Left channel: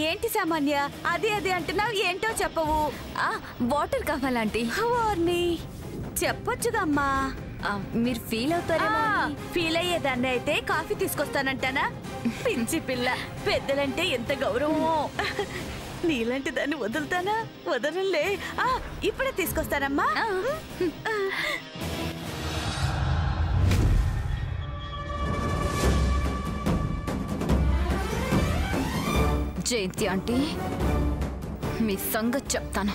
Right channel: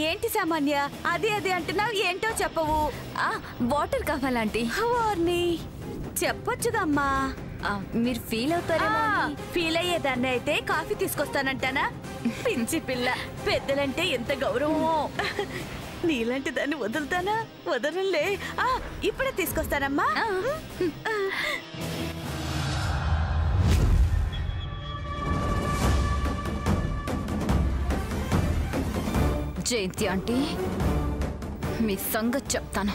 ఏంటి సామాన్య అది అది అంటున్నావు, ఏంటో చెప్పవు. వాటర్ కావాలంటీ. వార్ని చెప్పొచ్చుగమ్మా. మీరు ఫీల్ అవుతారేమో. ఫీల్ అయ్యేదాన్ని అయితే కాఫీ తీసుకొస్తానంటానా? పిచ్చి పిల్ల, పెద్దలంటే ఎంత గౌరవమో. నీలాంటి దాన్ని వదులుతానా? వదలంలే. ఇప్పుడే తీసుకొస్తానమ్మా. జయంతి ఆంటీ, మీ సంగతి చెప్తాను.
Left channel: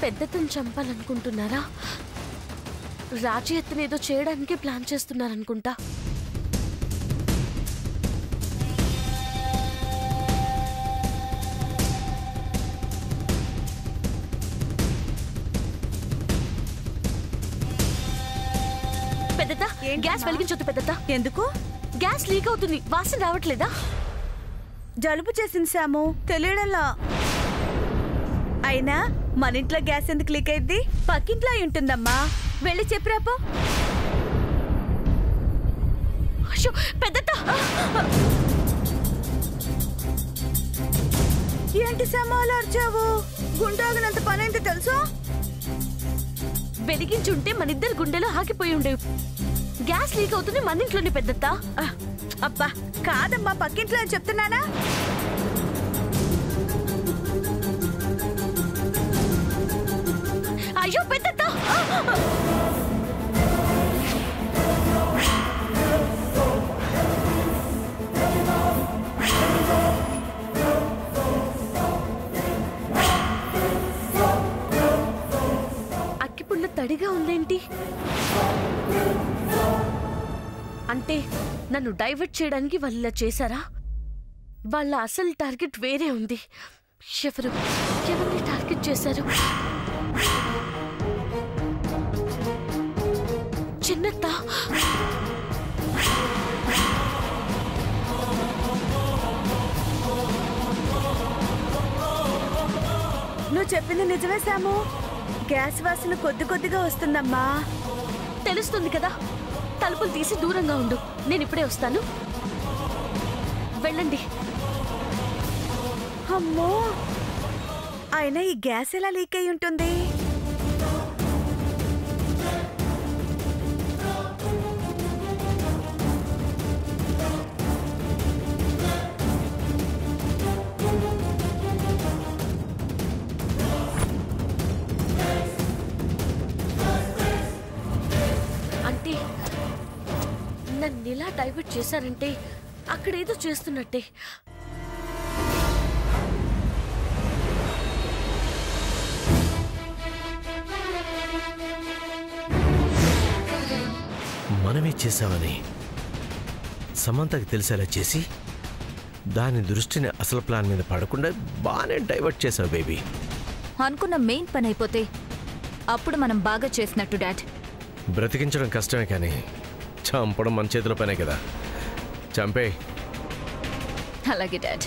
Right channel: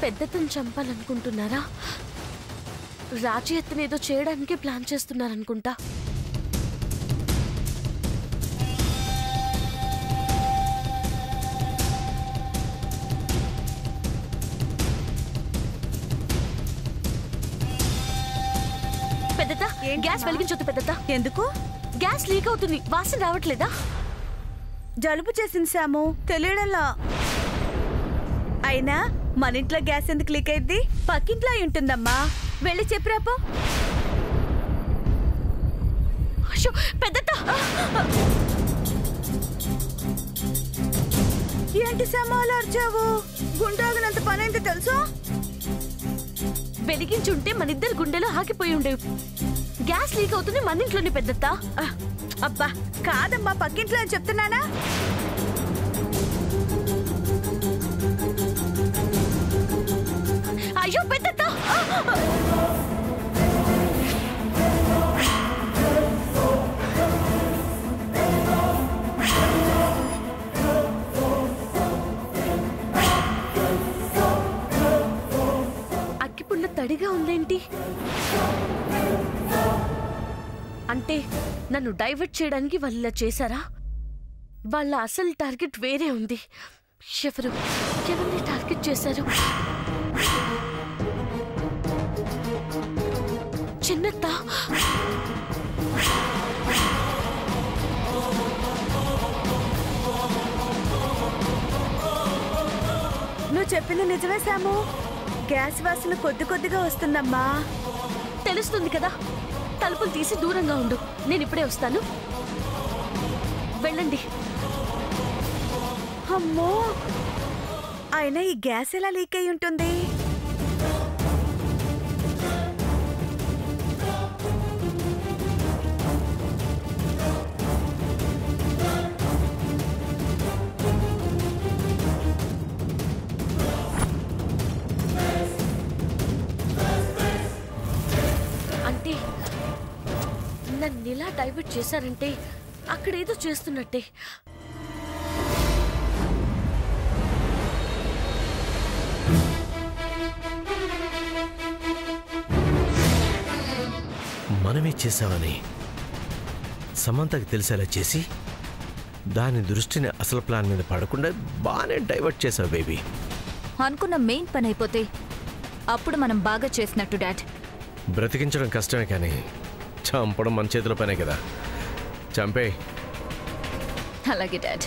పెద్దతను చంపాలనుకుంటున్నారా? రాజీ ఎత్తునేదో చేయడానికి ప్లాన్ చేస్తున్నారనుకుంటా. పెద్దత, గ్యాస్ వెలిగించొద్దు పెద్దత. ఎందుకు? గ్యాస్ లీక్ అవుతుంది, వాసన రావట్లేదా? జలుబు చేసింది సాము, తెలియడంలా. అయినా మన ఇంట్లో గ్యాస్ ఎందుకు లీక్ అయింది? పక్కింట్లో ఉంటుందమ్మా, వెళ్ళి చెప్పిరాపో. అయ్యో పెద్దత! ఏంటి సామాలు అర్చావు? గుండాగినంత పనైంది తెలుసా? వెలిగించుంటే మన ఇద్దరు గుండెలో ఆగిపోయి ఉండేవి. గ్యాస్ లీక్ అవుతుంది మన ఇంట్లోనే పెద్దత. అబ్బా కాదమ్మా, పక్కింట్లో అని చెప్తున్నానా? అయ్యో పెద్దత! అగ్గిపుల్ల తడిగా ఉందేంటి? అంటే నన్ను డైవర్ట్ చేయడానికి వాళ్ళు ఇలా చేశారా? వాళ్ళ అసలు టార్గెట్ వేరే ఉంది. ఎవరిని టార్గెట్ చేశారు? చిన్నత్త. నువ్వు చెప్పింది నిజమే సాము, గ్యాస్ వాసన కొద్ది కొద్దిగా వస్తుందమ్మా. తెలుస్తుంది కదా, తలుపులు తీసి దూరంగా ఉండు, నేను ఇప్పుడే వస్తాను. వెళ్ళండి. అమ్మో, అయినా ఈ గ్యాస్ ఎలా లీక్ అయి ఉంటుంది? అంటే నన్ను ఇలా డైవర్ట్ చేశారంటే అక్కడేదో చేస్తున్నట్టే. మనమే చేశామని సమంతకి తెలిసేలా చేసి దాని దృష్టిని అసలు ప్లాన్ మీద పడకుండా బాగానే డైవర్ట్ చేసావు బేబీ. అనుకున్న మెయిన్ పని అయిపోతే అప్పుడు మనం బాగా చేసినట్టు డాడ్. బ్రతికించడం కష్టమే కానీ చంపడం మన చేతిలో పనే కదా. చంపే. అలాగే డాడ్.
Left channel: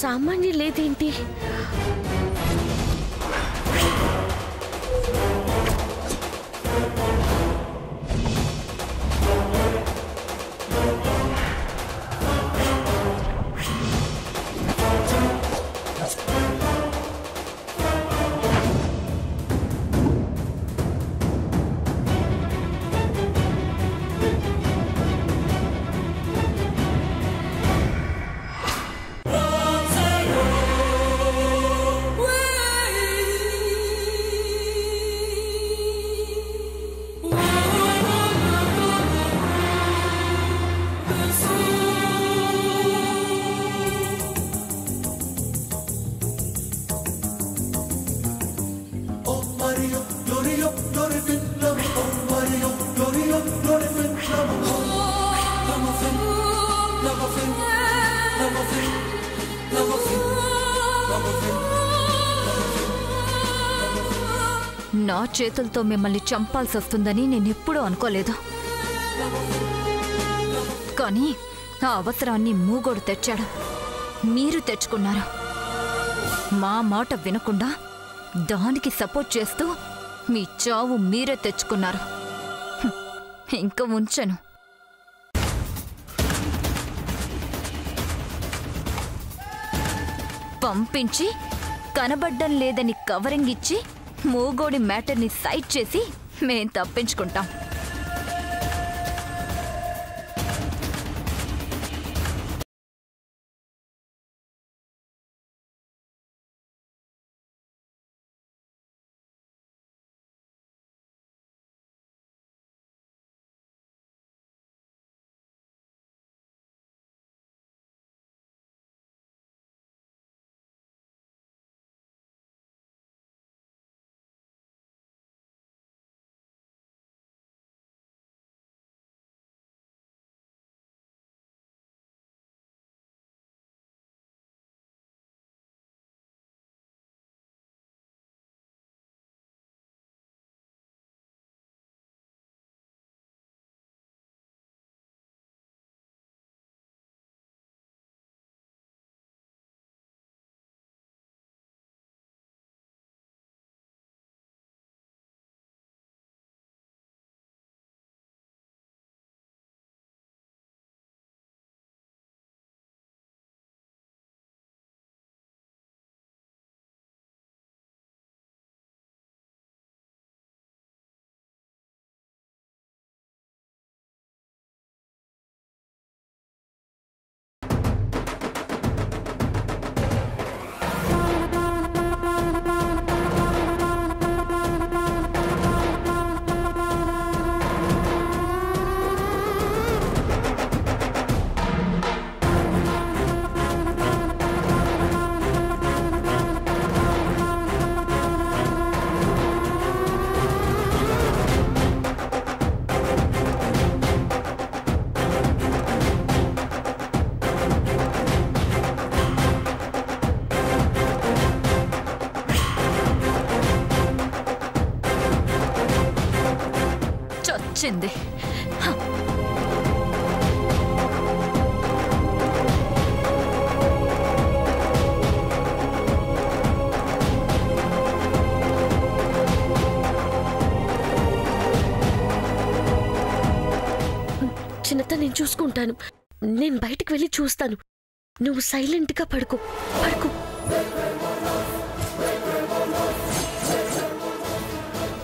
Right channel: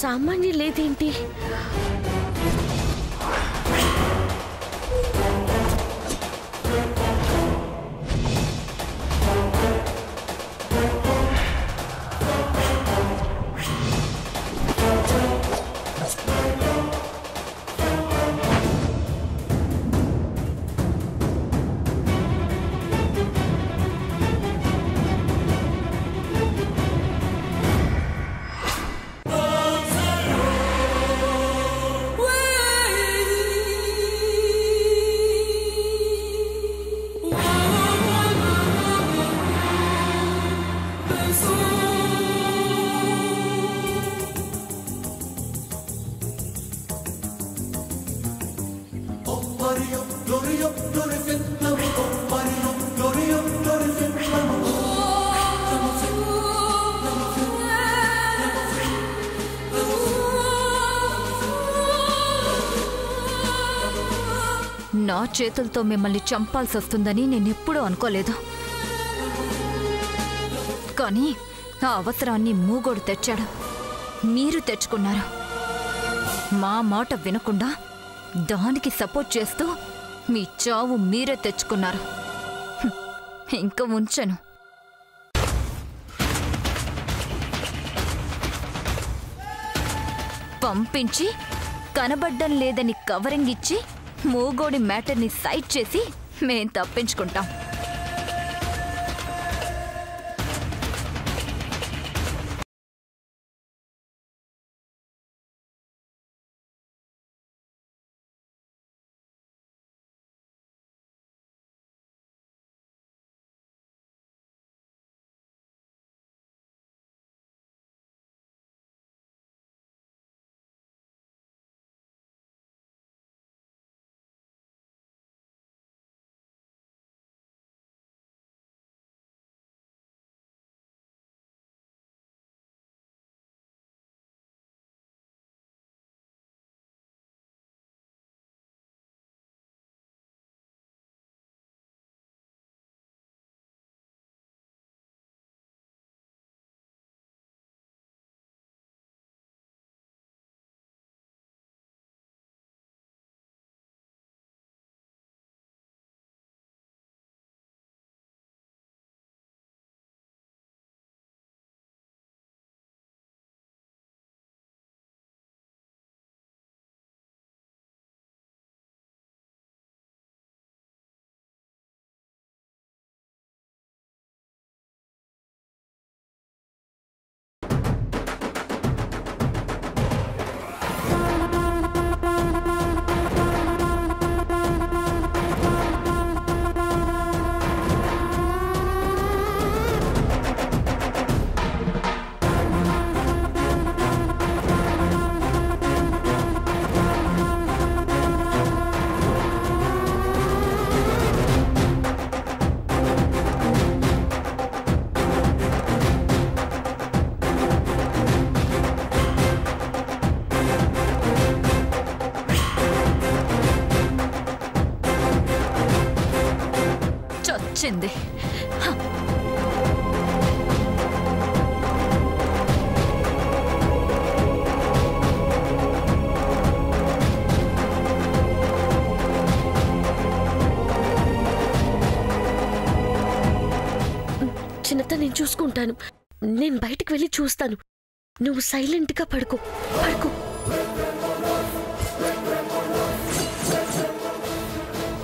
సామాన్య లేదేంటి? నా చేతులతో మిమ్మల్ని చంపాల్సి వస్తుందని నేనెప్పుడూ అనుకోలేదు. కానీ ఆ అవసరాన్ని మూగోడు తెచ్చాడు. మీరు తెచ్చుకున్నారు. మా మాట వినకుండా దానికి సపోర్ట్ చేస్తూ మీ చావు మీరే తెచ్చుకున్నారు. ఇంక ఉంచను. పంపించి కనబడ్డం లేదని కవరింగ్ ఇచ్చి మూగోడి మ్యాటర్ని సైడ్ చేసి మేం తప్పించుకుంటాం. చచ్చింది. చిన్నత నేను చూసుకుంటాను. నేను బయటికి వెళ్ళి చూస్తాను. నువ్వు సైలెంట్గా పడుకో.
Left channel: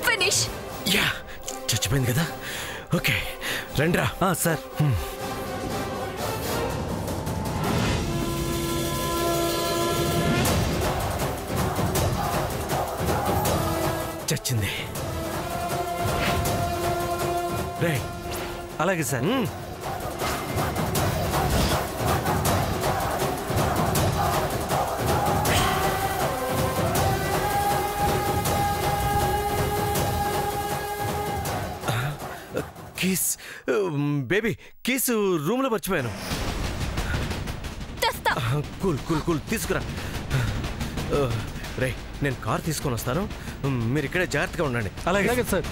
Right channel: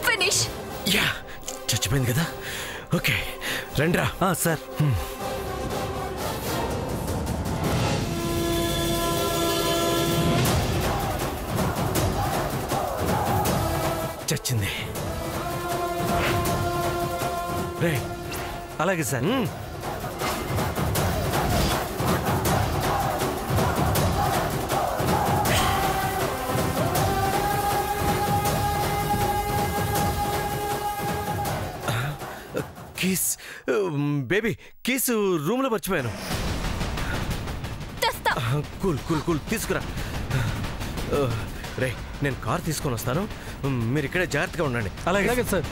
ఫినిష్. యా, చచ్చిపోయింది కదా. ఓకే రండ్రా. సార్. చచ్చింది. రే అలాగే సార్. కీస్ బేబీ, కీస్ రూమ్లో మర్చిపోయాను. కూల్ కూల్ కూల్ తీసుకురా. రే నేను కార్ తీసుకొని వస్తాను, మీరు ఇక్కడే జాగ్రత్తగా ఉండండి. అలాగే సార్.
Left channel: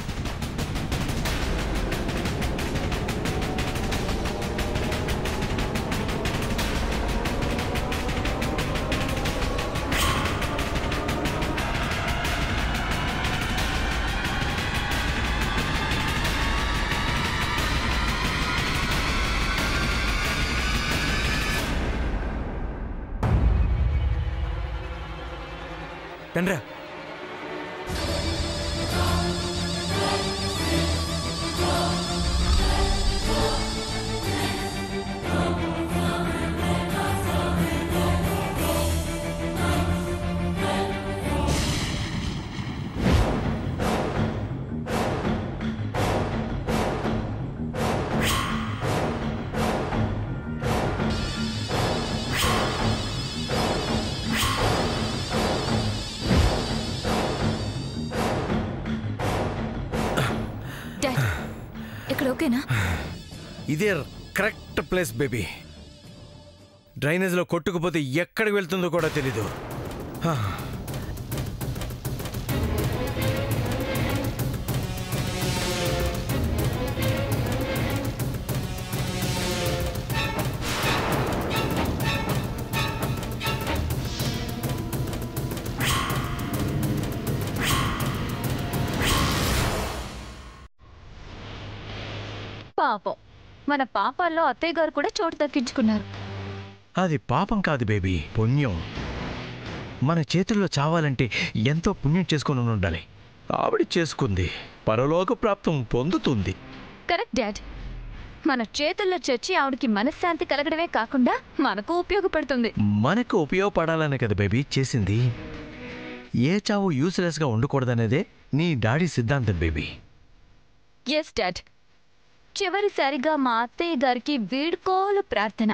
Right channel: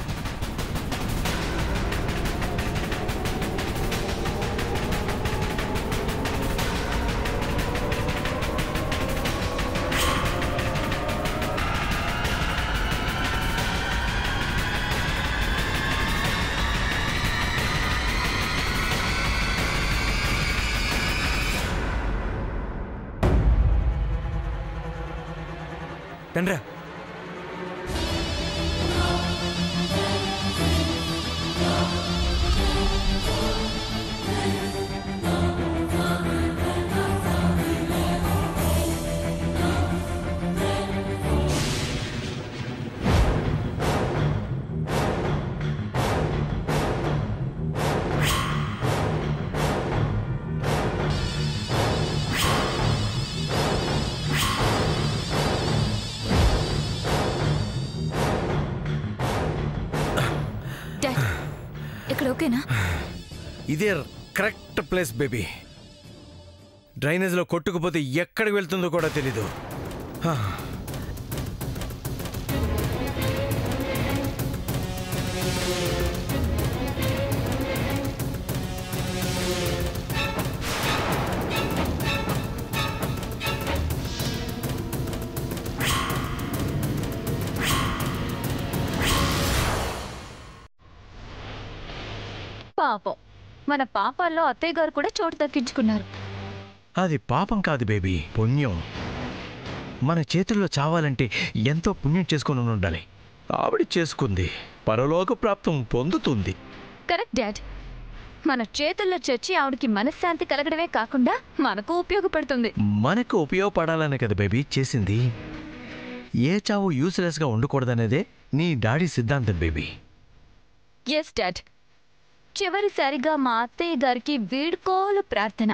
రండ్రా. ఇక్కడ ఓకేనా? ఇదే కరెక్ట్ ప్లేస్ బేబీ. డ్రైనేజ్లో కొట్టుకుపోతే ఎక్కడికి వెళ్తుందో కూడా తెలీదు. పాపం, మన పాపాల్లో అత్తయ్య గారు కూడా చోటు దక్కించుకున్నారు. అది పాపం కాదు బేబీ, పుణ్యం. మన చేతుల్లో చావాలంటే ఎంతో పుణ్యం చేసుకుని ఉండాలి. ఆవిడ చేసుకుంది, పరలోక ప్రాప్తం పొందుతుంది. Correct dad. మన చేతుల్లో చచ్చి ఆవిడకి మనశ్శాంతి కలగడమే కాకుండా మనకు ఉపయోగపడుతుంది. మనకు ఉపయోగపడాలనే కదా బేబీ చేసింది. ఏ చావు యూస్లెస్గా ఉండకూడదనేదే నీ డాడీ సిద్ధాంతం బేబీ. Yes dad. చివరిసారిగా మా అత్తయ్య గారికి వీడ్కోలు ప్రార్థన.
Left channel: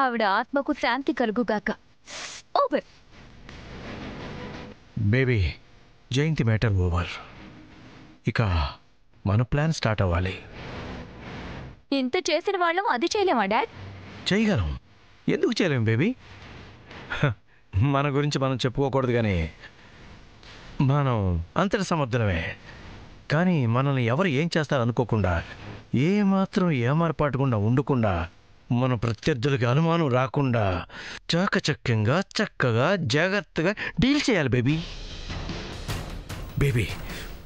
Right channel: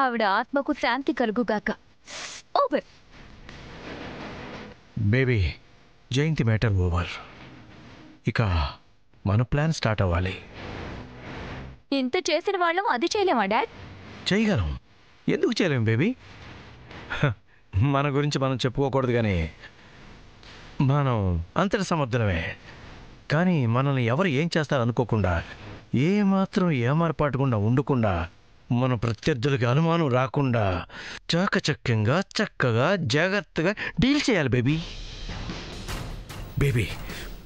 ఆవిడ ఆత్మకు శాంతి కలుగుగాక. ఓవర్. బేబీ, జయంతి మ్యాటర్ ఓవర్. ఇక మన ప్లాన్ స్టార్ట్ అవ్వాలి. ఇంత చేసిన వాళ్ళం అది చేయలేమా డాడ్? చేయగలం. ఎందుకు చేయలేం బేబీ? మన గురించి మనం చెప్పుకోకూడదు, కానీ మనం అంతటి సమర్థనమే. కానీ మనల్ని ఎవరు ఏం చేస్తారు అనుకోకుండా, ఏమాత్రం ఏమార్పాటుకుండా ఉండకుండా, మన ప్రత్యర్థులకి అనుమానం రాకుండా చాకచక్యంగా చక్కగా జాగ్రత్తగా డీల్ చేయాలి బేబీ. బేబీ,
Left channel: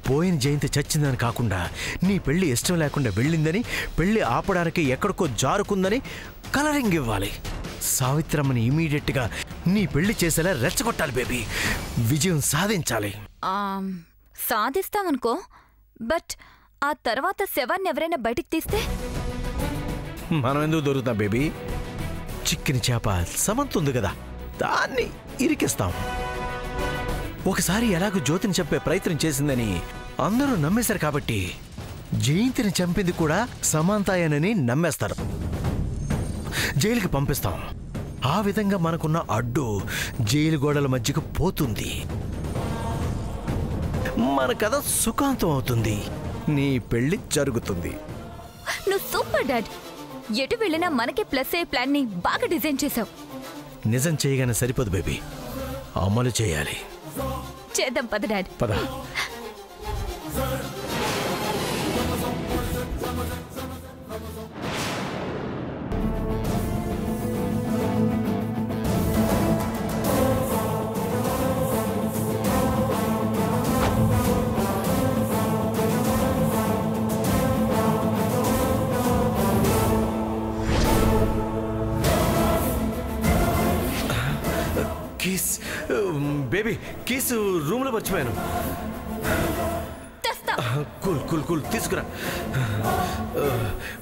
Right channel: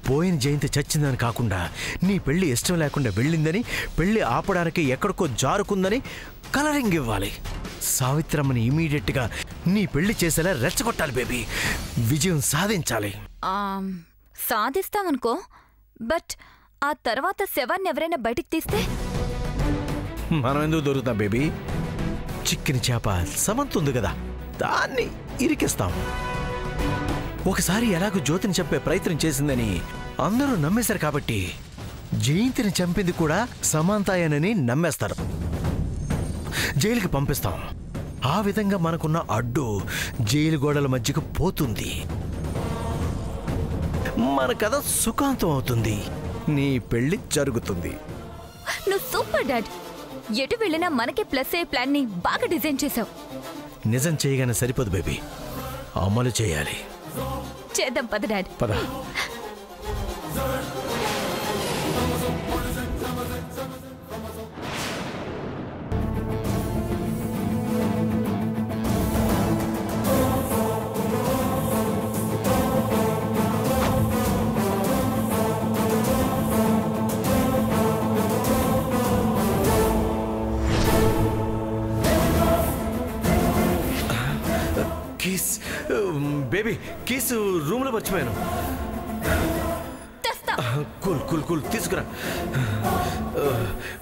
పోయిన జయంతి చచ్చిందని కాకుండా, నీ పెళ్ళి ఇష్టం లేకుండా వెళ్ళిందని, పెళ్ళి ఆపడానికి ఎక్కడికో జారుకుందని కలరింగ్ ఇవ్వాలి. సావిత్రమ్మని ఇమీడియట్గా నీ పెళ్లి చేసేలా రెచ్చగొట్టాలి బేబీ. విజయం సాధించాలి. సాధిస్తామనుకో, బట్ ఆ తర్వాత శవాన్ని ఎవరైనా బయటికి తీస్తే మనం ఎందుకు దొరుకుతాం బేబీ? చిక్కిన చేప సమంతుంది కదా, దాన్ని ఇరికిస్తాం. ఒకసారి ఎలాగో జ్యోతిని చంపే ప్రయత్నం చేసిందని అందరూ నమ్మేశారు కాబట్టి, జయంతిని చంపింది కూడా సమంతాయనని నమ్మేస్తారు. జైలుకి పంపిస్తాం. ఆ విధంగా మనకున్న అడ్డు జైలు గోడల మధ్యకు పోతుంది. మన కథ సుఖాంతం అవుతుంది. నీ పెళ్లి జరుగుతుంది. నువ్వు సూపర్ డాడ్. ఎటు వెళ్ళినా మనకే ప్లస్ అయ్యే ప్లాన్ ని బాగా డిజైన్ చేశావు. నిజం చేయగానే సరిపోదు బేబీ, అమలు చేయాలి. చేద్దాం పద డాడ్. పద. బేబీ కీస్ రూమ్లో మర్చిపోయాను. కూల్ కూల్ కూల్ తీసుకురా.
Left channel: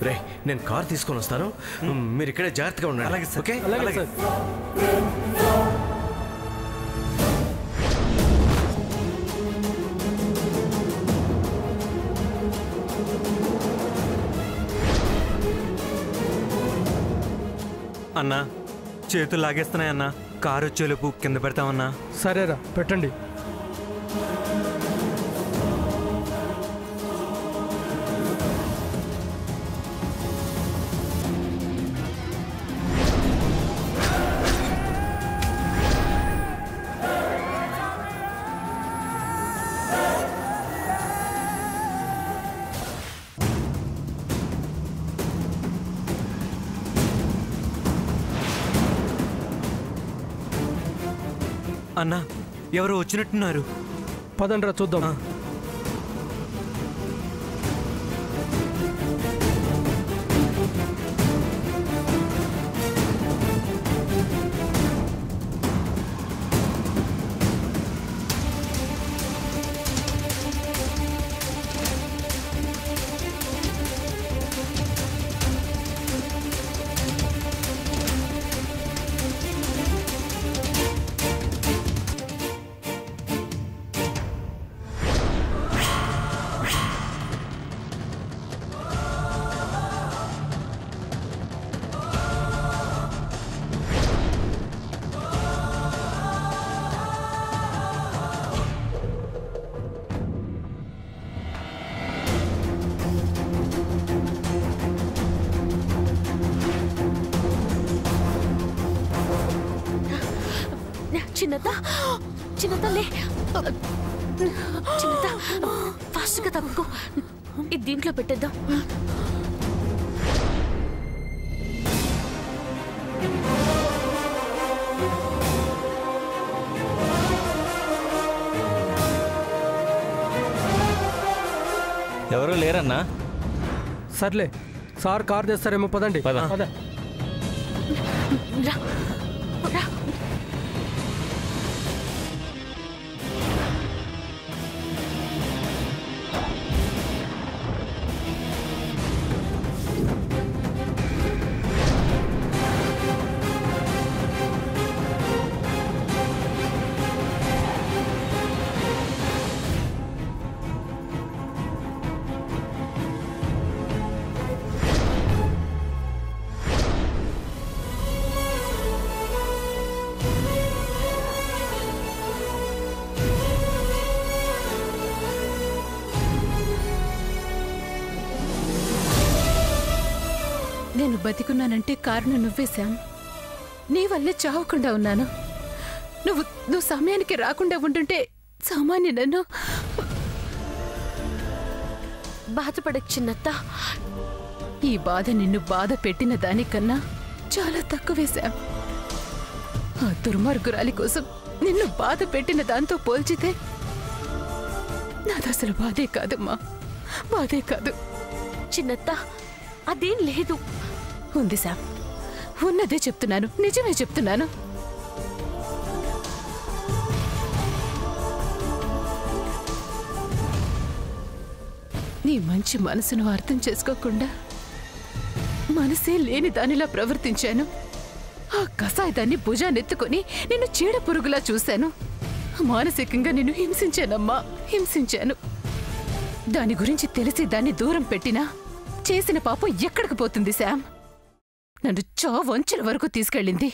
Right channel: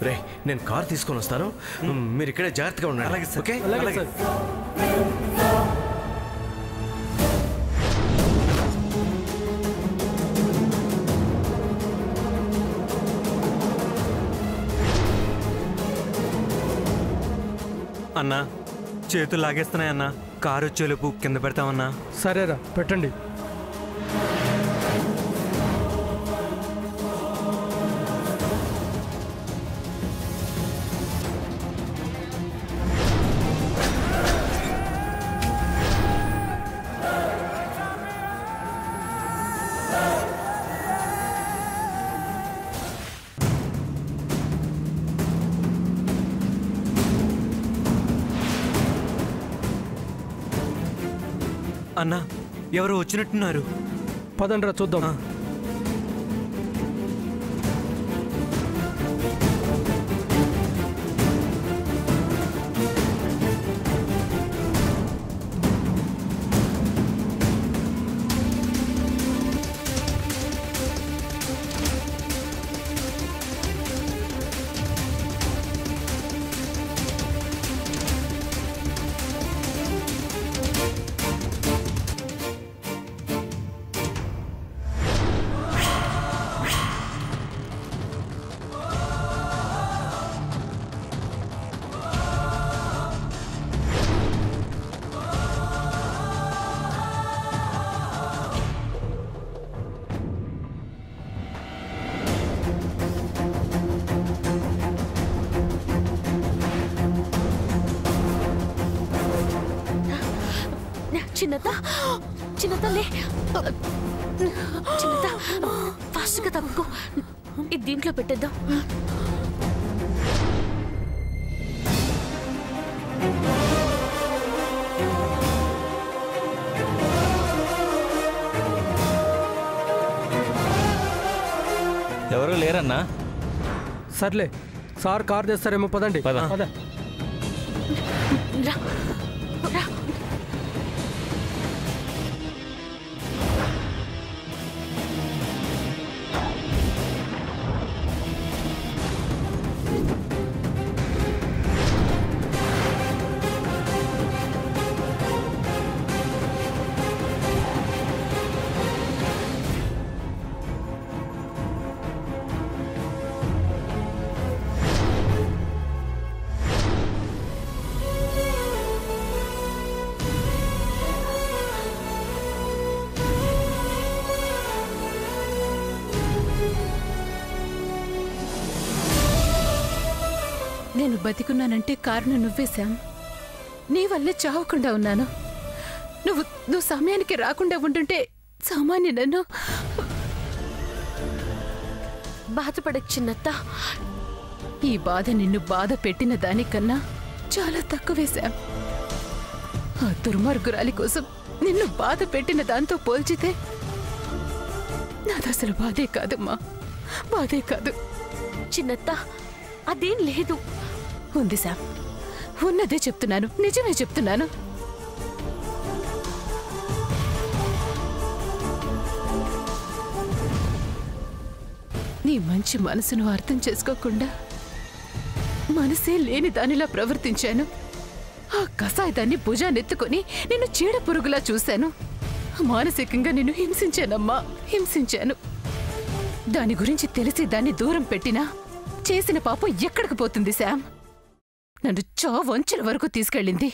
రే నేను కార్ తీసుకొని వస్తాను, మీరు ఇక్కడే జాగ్రత్తగా ఉండండి. అలాగే సార్. ఓకే అలాగే సార్. అన్నా చేతులు లాగేస్తున్నాయన్నా, కారు వచ్చేలోపు కింద పెడతామన్నా. సరేరా పెట్టండి. అన్నా ఎవరు వచ్చినట్టున్నారు. పదండ్రా చూద్దాం. చిన్నత చిన్నత లే, చిన్నత ఫాస్ట్గా తప్పుకో. ఇది దీంట్లో పెట్టేద్దాం. ఎవరు లేరన్నా. సర్లే సార్ కార్ తెస్తారేమో, పదండి. పద. పద. రా రా. నేను బతికున్నానంటే కారణం నువ్వే శామ్. నీ వల్లే చావకుండా ఉన్నాను. నువ్వు సమయానికి రాకుండా ఉంటుంటే సామాన్య నన్ను. బాధపడకు చిన్నత్త. ఈ బాధ నిన్ను బాధ పెట్టిన దానికన్నా చాలా తక్కువే శామ్. ఆ దుర్మార్గురాలి కోసం నిన్ను బాధ పెట్టిన దాంతో పోల్చితే నాదసలు బాధే కాదమ్మా, బాధే కాదు. చిన్నత్త అదేం లేదు. ఉంది శామ్, ఉన్నదే చెప్తున్నాను, నిజమే చెప్తున్నాను. నీ మంచి మనసును అర్థం చేసుకోకుండా మనసే లేని దానిలా ప్రవర్తించాను. ఆ కసాయిదాన్ని భుజానెత్తుకొని నిన్ను చీడ పురుగులా చూశాను. మానసికంగా నిన్ను హింసించానమ్మా, హింసించాను. దాని గురించి తెలిసి దాన్ని దూరం పెట్టినా చేసిన పాపం ఎక్కడికి పోతుంది శామ్? నన్ను చావంచుల వరకు తీసుకెళ్ళింది.